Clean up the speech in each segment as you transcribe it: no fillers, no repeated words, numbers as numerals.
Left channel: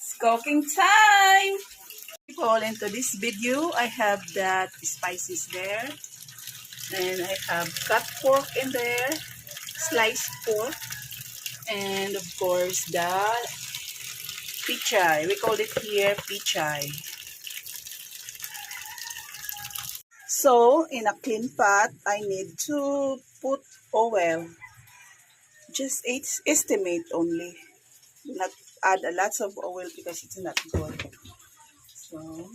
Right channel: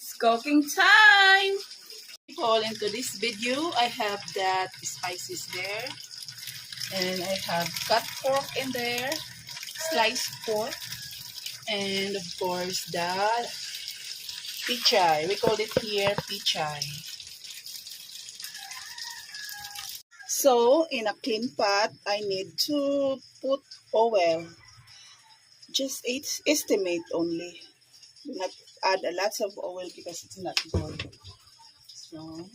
It's cooking time! People, into this video, I have that spices there. And I have cut pork in there, sliced pork, and of course the pichay. We call it here pichay. So, in a clean pot, I need to put oil. Just estimate only. Do not add a lot of oil because it's not good. So,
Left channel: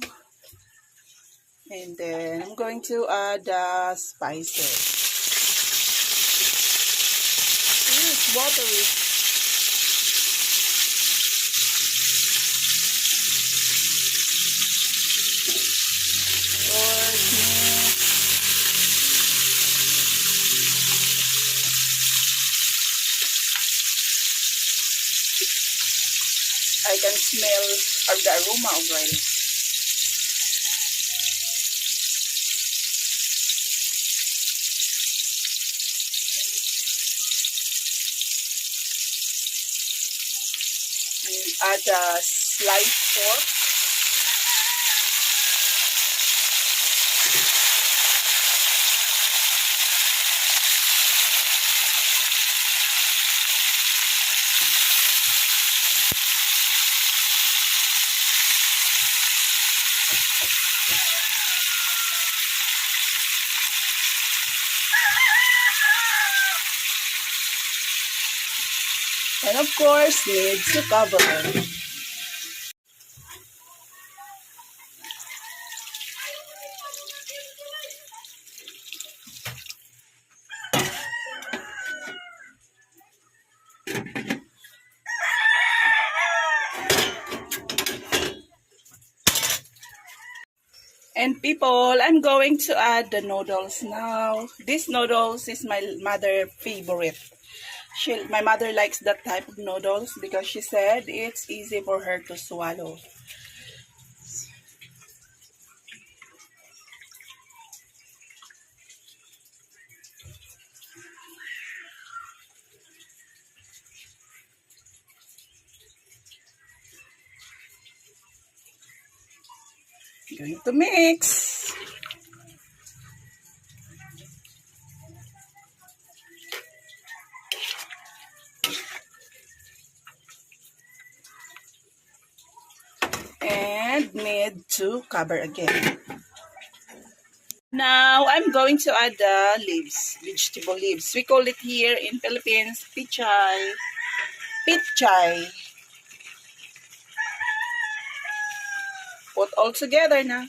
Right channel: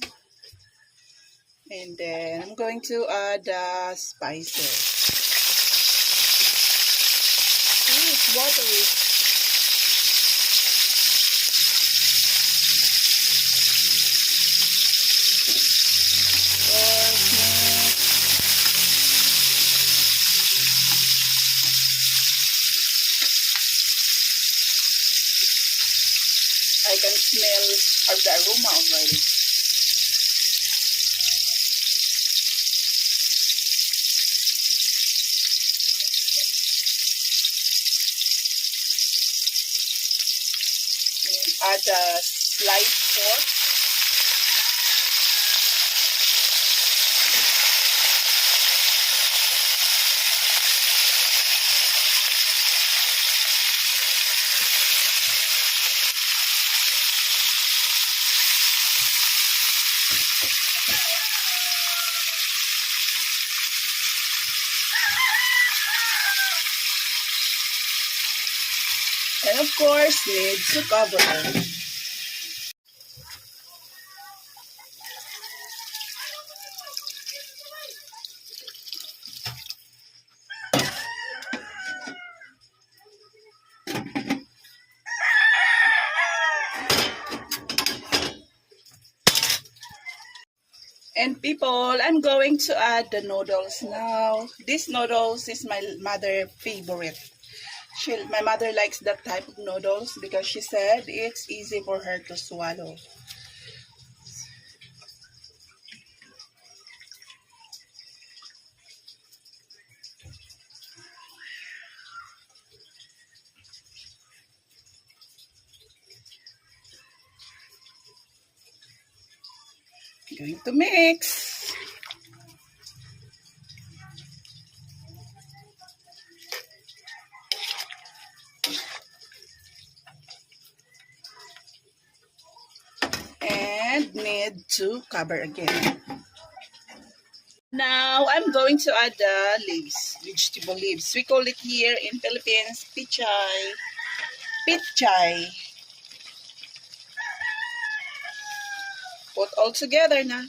and then I'm going to add the spices. Ooh, it's watery. I can smell the aroma already. And add the sliced pork. And of course, need to cover. And people, I'm going to add the noodles now. This noodles is my mother's favorite. My mother likes that type of noodles because she said it's easy for her to swallow. Going to mix. And need to cover again. Now, I'm going to add the leaves, vegetable leaves. We call it here in Philippines, pichay. Pichay. Put all together na.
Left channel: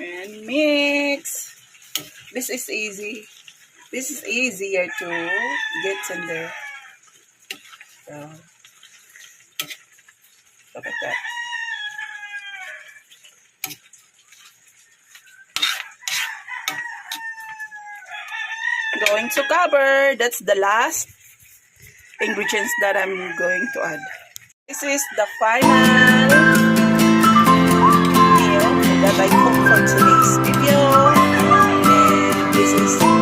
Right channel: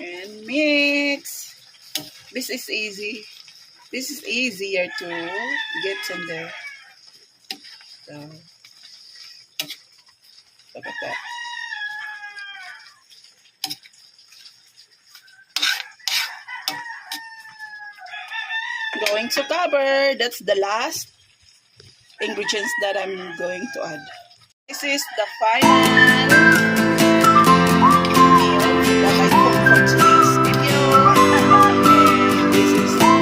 And mix. This is easy. This is easier to get in there. So, look at that. Going to cover. That's the last ingredients that I'm going to add. This is the final meal that I cooked for today's video. And this is